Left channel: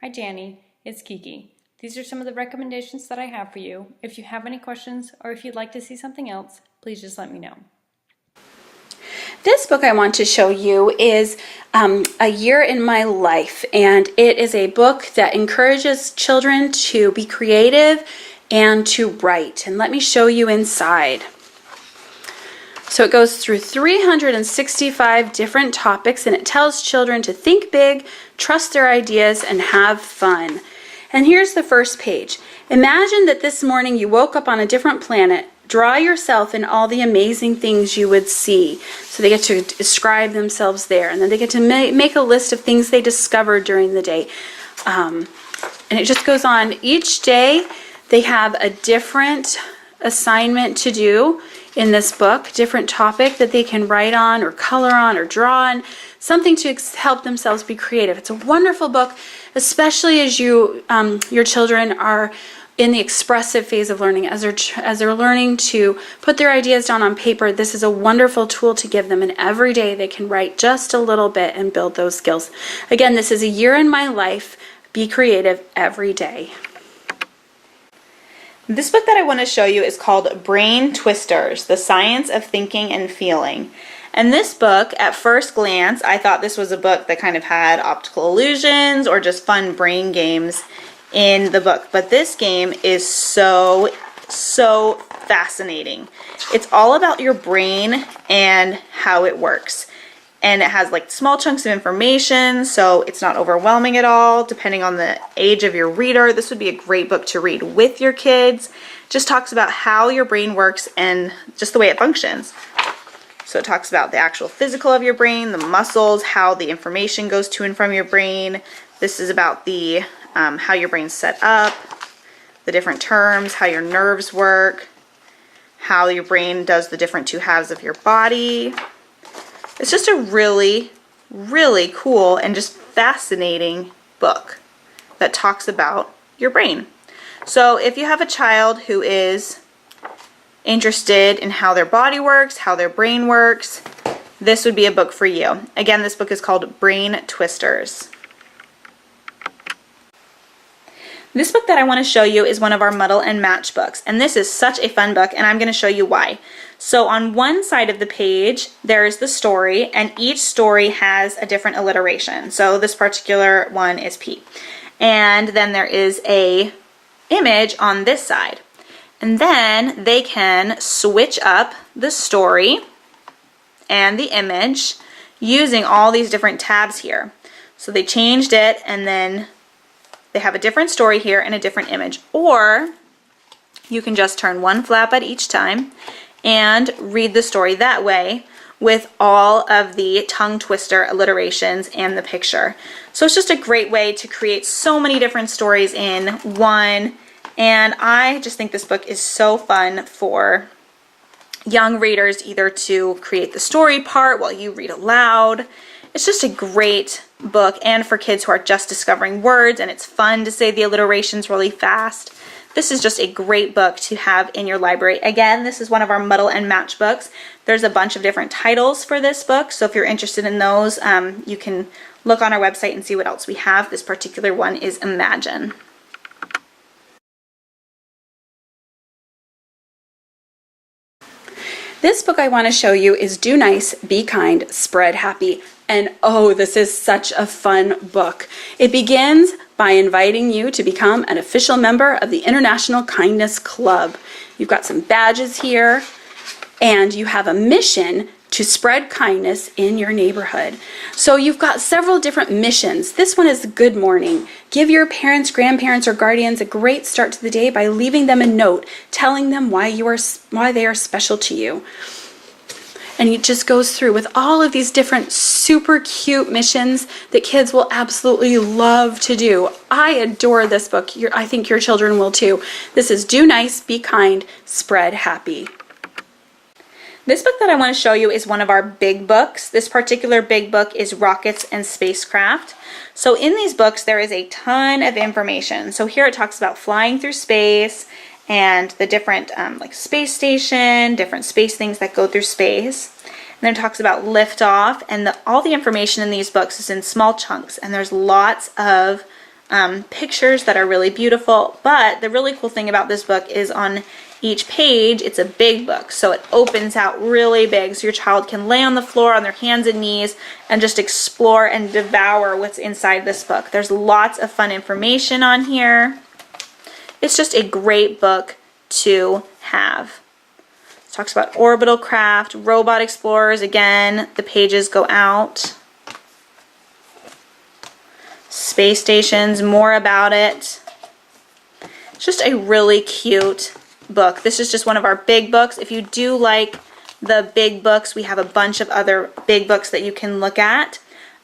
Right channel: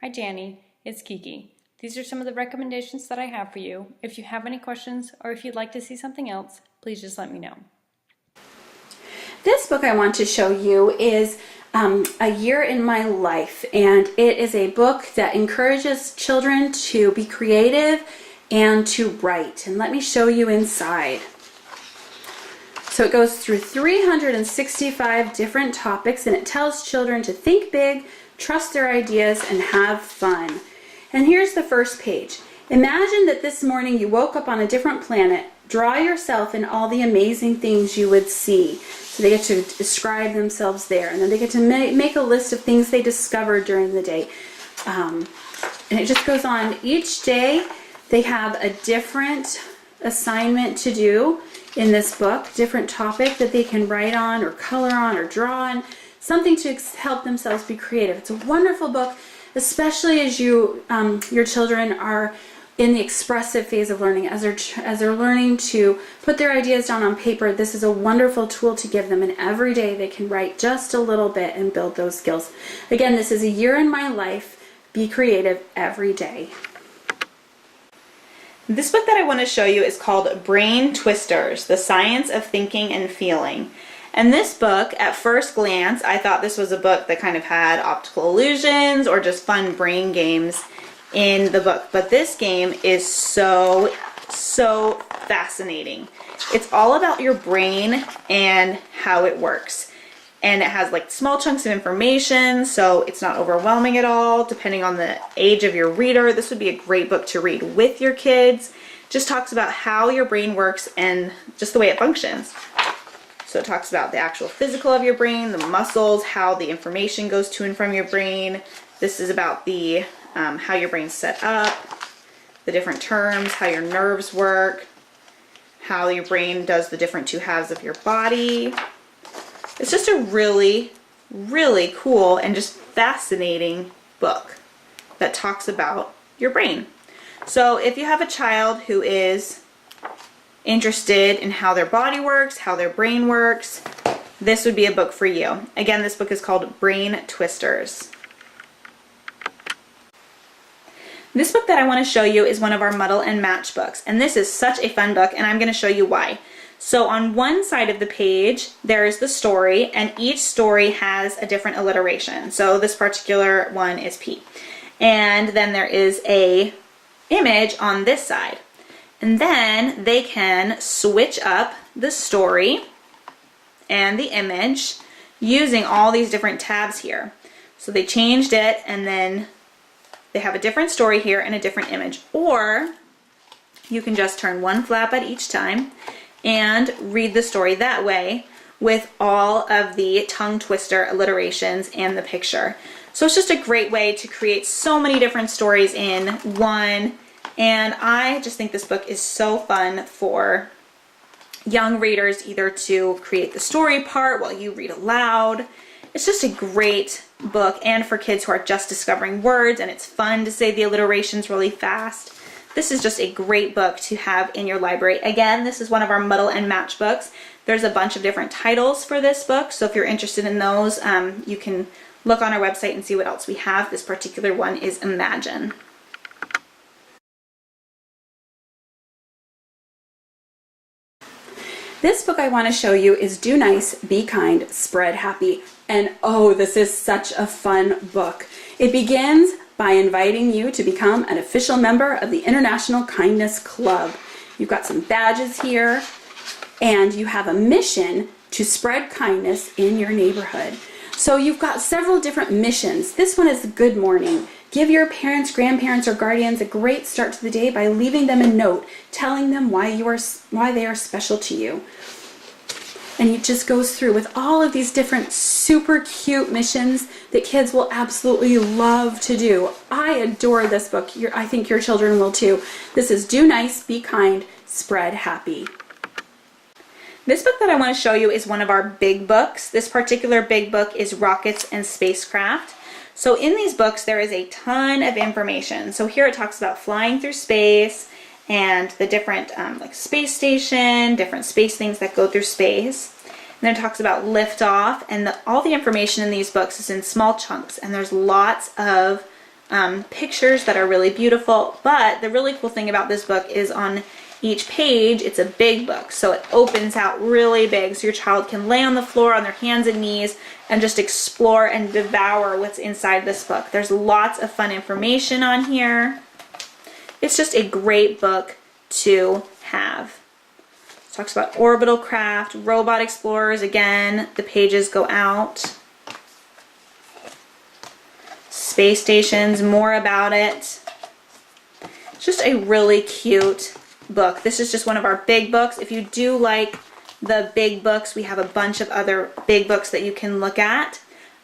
Hi Jannie, it's Kiki. These are some of the recommendations that I have for you. If you have any questions or if you'd like to see something else, please just let me know. This book I want to show you is A Year in My Life, and it is a book that encourages children to be creative and to write. And let me show you inside. So it goes through 365 different topics, and it tells children to think big, trust their ideas, and have fun. And here's the first page. Imagine that this morning you woke up on a different planet. Draw yourself in all the amazing things you would see. So they get to describe themselves there, and then they get to make a list of things they discovered during the day. And it just goes on. Each day they have a different assignment to do in this book, different topic that they can write on or color on or draw on, something to help themselves be creative. It's a wonderful book, especially as your children are in the expressive phase of learning, as they're learning to put their ideas down on paper. This is a wonderful tool to give them, and every day they can write just a little bit and build those skills. Again, this is A Year in My Life. Be creative every day. This book that I want to show you is called Brain Twisters, The Science of Thinking and Feeling. And this book, at first glance, I thought this was a book that kind of had optical illusions or just fun brain games in the book. But this game is so fascinating. It's all about your brain and how it works. And it has like small chunks of information, so it's not overwhelming at all. Depending on the age of your reader, this would be a great book to read with your kids. Just talks about how your brain works and just the way it functions. So it talks about the actual physical of your brain, the muscles, how the information goes to and from your brain. This is about the how your brain's set up, the different terms, how your nerves work, how your brain does the different two halves of your body. It's just a really, really cool and just fascinating book that talks about your brain. So if you have a child who is interested in how their body works, how their brain works, this would be a book for you. Again, this book is called Brain Twisters. This book that I want to show you is one of our Muddle and Match books, and this is such a fun book, and I'm going to show you why. So on one side of the page, there is the story, and each story has a different alliteration. So this particular one is P. And then there is a image on this side. And then they can switch up the story and the image using all these different tabs here. So they changed it, and then they have a different story here and a different image. Or you can just turn one flap at each time and read the story that way with all of the tongue twister alliterations and the picture. So it's just a great way to create so many different stories in one, and I just think this book is so fun for young readers, either to create the story part while you read aloud. It's just a great book, and for kids who are just discovering words, and it's fun to say the alliterations really fast. This is just a great book to have in your library. Again, this is one of our Muddle and Match books. There's a bunch of different titles for this book, so if you're interested in those, you can look on our website and see what else we have. This particular one is Imagine. This book I want to show you is Do Nice, Be Kind, Spread Happy. And oh, this is such a fun book. It begins by inviting you to become an official member of the International Kindness Club. You've got some badges here, and you have a mission to spread kindness in your neighborhood. So you've got several different missions. This one is Good Morning. Give your parents, grandparents, or guardians a great start to the day by leaving them a note telling them why they are special to you. And it just goes through with all of these different super cute missions that kids will absolutely love to do. I adore this book. I think your children will too. This is Do Nice, Be Kind, Spread Happy. This book that I want to show you is one of our big books. This particular big book is Rockets and Spacecraft. So in these books there is a ton of information. So here it talks about flying through space and the different like space station, different space things that go through space. And then it talks about liftoff, and all the information in these books is in small chunks, and there's lots of pictures that are really beautiful. But the really cool thing about this book is on each page, it's a big book, so it opens out really big so your child can lay on the floor on their hands and knees and just explore and devour what's inside this book. There's lots of fun information on here. It's just a great book to have. It talks about orbital craft, robot explorers. Again, the pages go out. Space stations, more about it. It's just a really cute book. This is just one of our big books. If you do like the big books, we have a bunch of other big books that you can look at.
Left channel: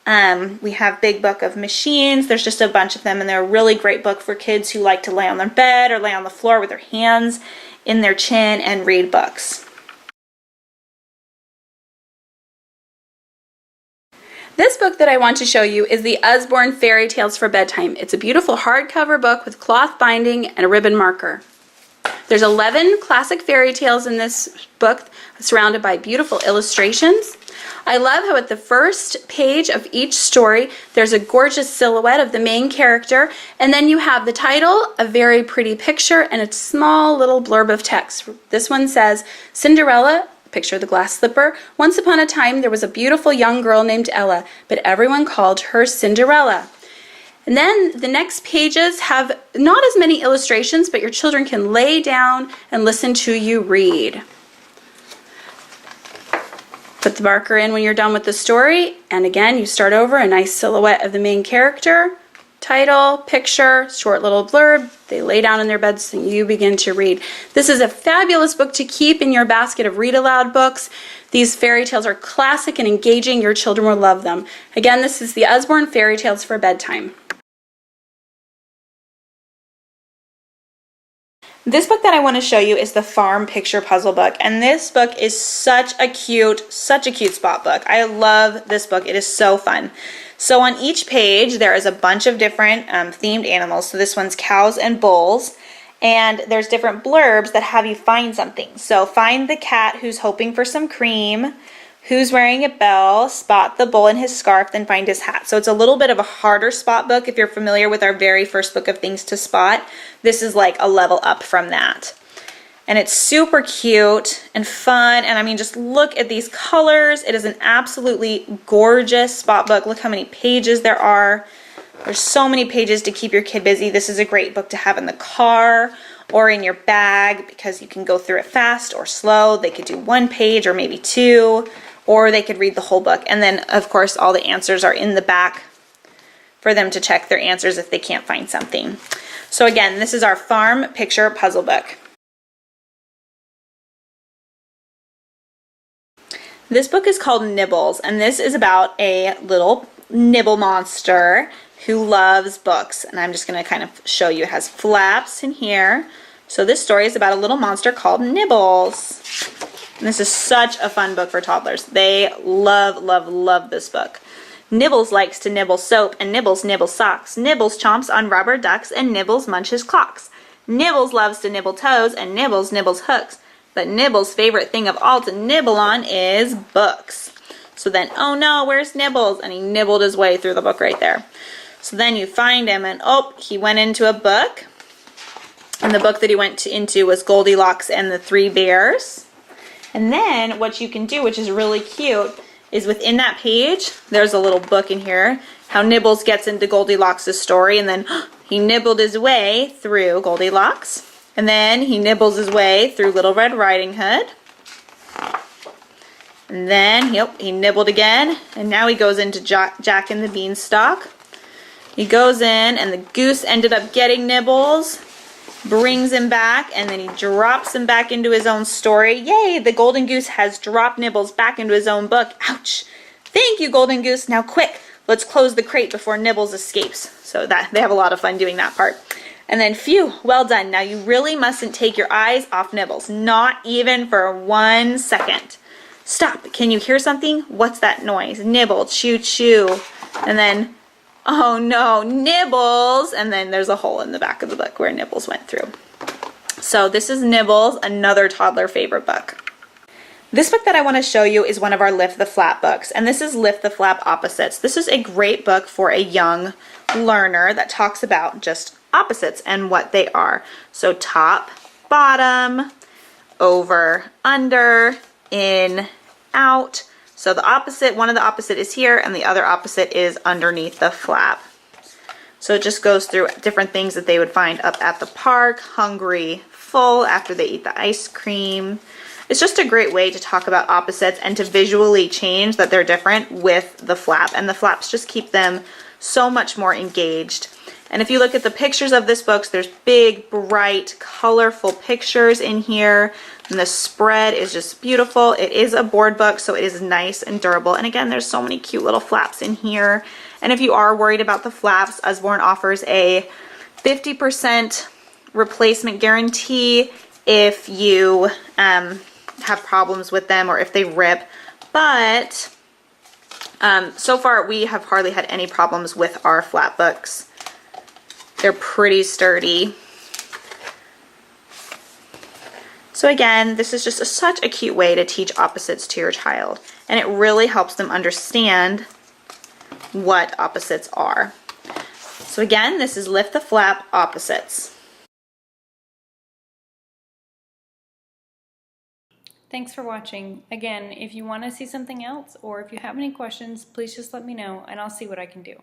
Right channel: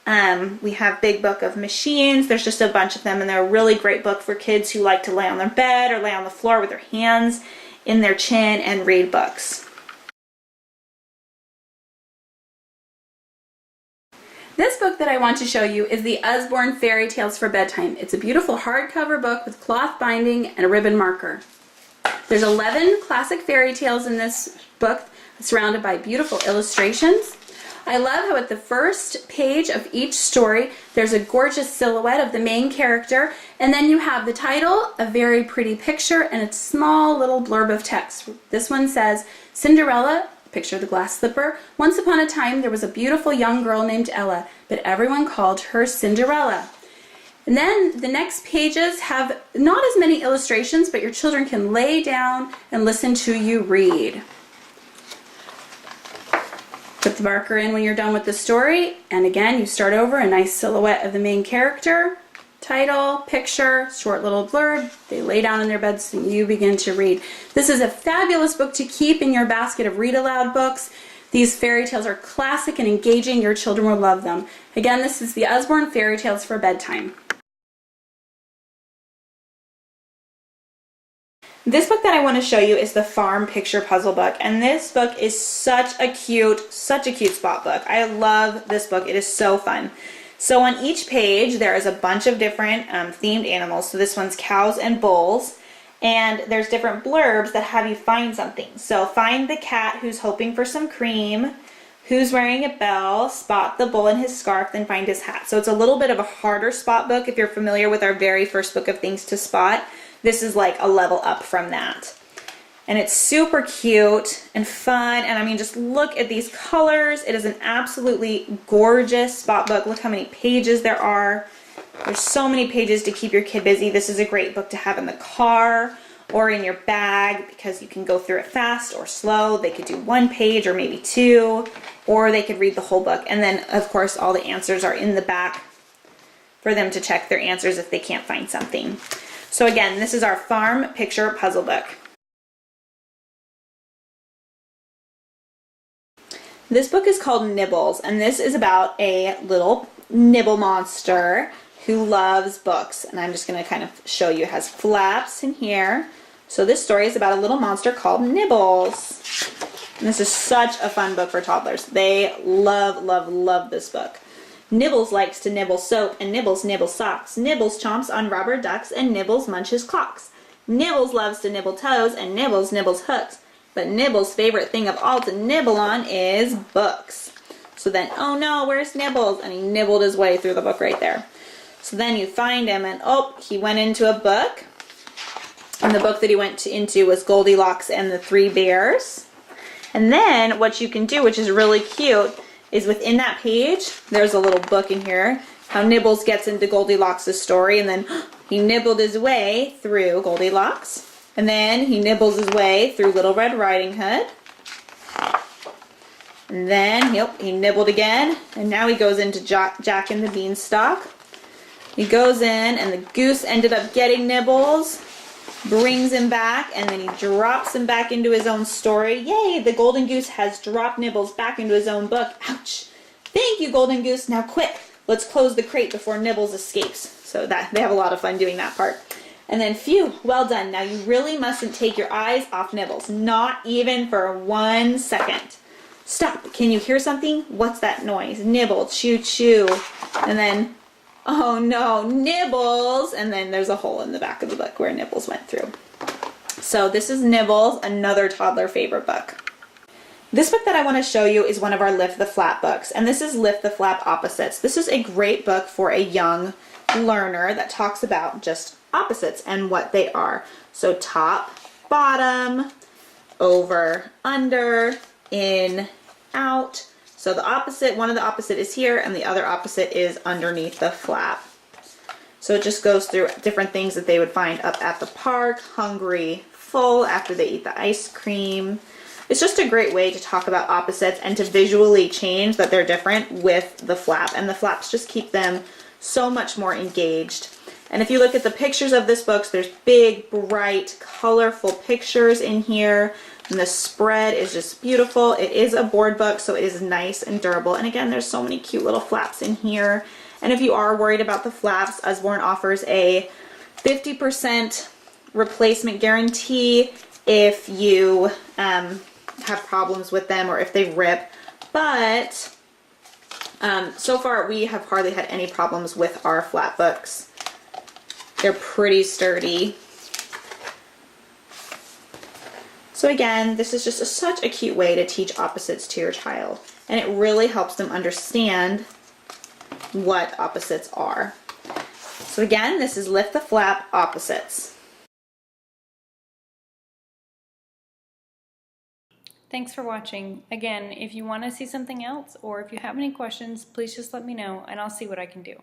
We have Big Book of Machines. There's just a bunch of them, and they're a really great book for kids who like to lay on their bed or lay on the floor with their hands in their chin and read books. This book that I want to show you is the Usborne Fairy Tales for Bedtime. It's a beautiful hardcover book with cloth binding and a ribbon marker. There's 11 classic fairy tales in this book, surrounded by beautiful illustrations. I love how at the first page of each story there's a gorgeous silhouette of the main character, and then you have the title, a very pretty picture, and a small little blurb of text. This one says, Cinderella, picture the glass slipper. Once upon a time there was a beautiful young girl named Ella, but everyone called her Cinderella. And then the next pages have not as many illustrations, but your children can lay down and listen to you read. Put the marker in when you're done with the story, and again you start over, a nice silhouette of the main character, title, picture, short little blurb. They lay down in their beds and you begin to read. This is a fabulous book to keep in your basket of read aloud books. These fairy tales are classic and engaging. Your children will love them. Again, this is the Usborne Fairy Tales for Bedtime. This book that I want to show you is the Farm Picture Puzzle book, and this book is such a cute spot book. I love this book. It is so fun. So on each page there is a bunch of different themed animals. So this one's cows and bulls, and there's different blurbs that have you find something. So find the cat who's hoping for some cream, who's wearing a bell, spot the bull in his scarf, then find his hat. So it's a little bit of a harder spot book if you're familiar with our very first book of things to spot. This is like a level up from that. And it's super cute and fun, and I mean, just look at these colors. It is an absolutely gorgeous spot book. Look how many pages there are. There's so many pages to keep your kid busy. This is a great book to have in the car or in your bag because you can go through it fast or slow. They could do one page or maybe two, or they could read the whole book. And then, of course, all the answers are in the back for them to check their answers if they can't find something. So again, this is our Farm Picture Puzzle book. This book is called Nibbles, and this is about a little nibble monster who loves books. And I'm just going to kind of show you. It has flaps in here. So this story is about a little monster called Nibbles. And this is such a fun book for toddlers. They love this book. Nibbles likes to nibble soap, and Nibbles nibbles socks. Nibbles chomps on rubber ducks, and Nibbles munches clocks. Nibbles loves to nibble toes, and Nibbles nibbles hooks. But Nibbles' favorite thing of all to nibble on is books. So then, oh no, where's Nibbles? And he nibbled his way through the book right there. So then you find him, and oh, he went into a book. And the book that he went into was Goldilocks and the Three Bears. And then what you can do, which is really cute, is within that page, there's a little book in here, how Nibbles gets into Goldilocks' story, and then he nibbled his way through Goldilocks. And then he nibbles his way through Little Red Riding Hood. And then he nibbled again, and now he goes into Jack and the Beanstalk. He goes in, and the goose ended up getting Nibbles, brings him back, and then he drops him back into his own story. Yay, the golden goose has dropped Nibbles back into his own book. Ouch! Thank you, golden goose. Now quick, let's close the crate before Nibbles escapes. So that they have a lot of fun doing that part. And then, phew, well done. Now you really mustn't take your eyes off Nibbles, not even for 1 second. Stop, can you hear something? What's that noise? Nibble, chew, chew. And then, oh no, Nibbles! And then there's a hole in the back of the book where Nibbles went through. So this is Nibbles, another toddler favorite book. This book that I want to show you is one of our Lift the Flap books, and this is Lift the Flap Opposites. This is a great book for a young learner that talks about just opposites and what they are. So top, bottom, over, under, in, out. So the opposite, one of the opposite is here, and the other opposite is underneath the flap. So it just goes through different things that they would find up at the park, hungry, full after they eat the ice cream. It's just a great way to talk about opposites and to visually change that they're different with the flap. And the flaps just keep them so much more engaged. And if you look at the pictures of this book, there's big, bright, colorful pictures in here. And the spread is just beautiful. It is a board book, so it is nice and durable. And again, there's so many cute little flaps in here. And if you are worried about the flaps, Usborne offers a 50% replacement guarantee if you have problems with them or if they rip. But so far we have hardly had any problems with our flap books. They're pretty sturdy. So again, this is just such a cute way to teach opposites to your child, and it really helps them understand what opposites are. So again, this is Lift the Flap Opposites. Thanks for watching. Again, if you want to see something else or if you have any questions, please just let me know and I'll see what I can do.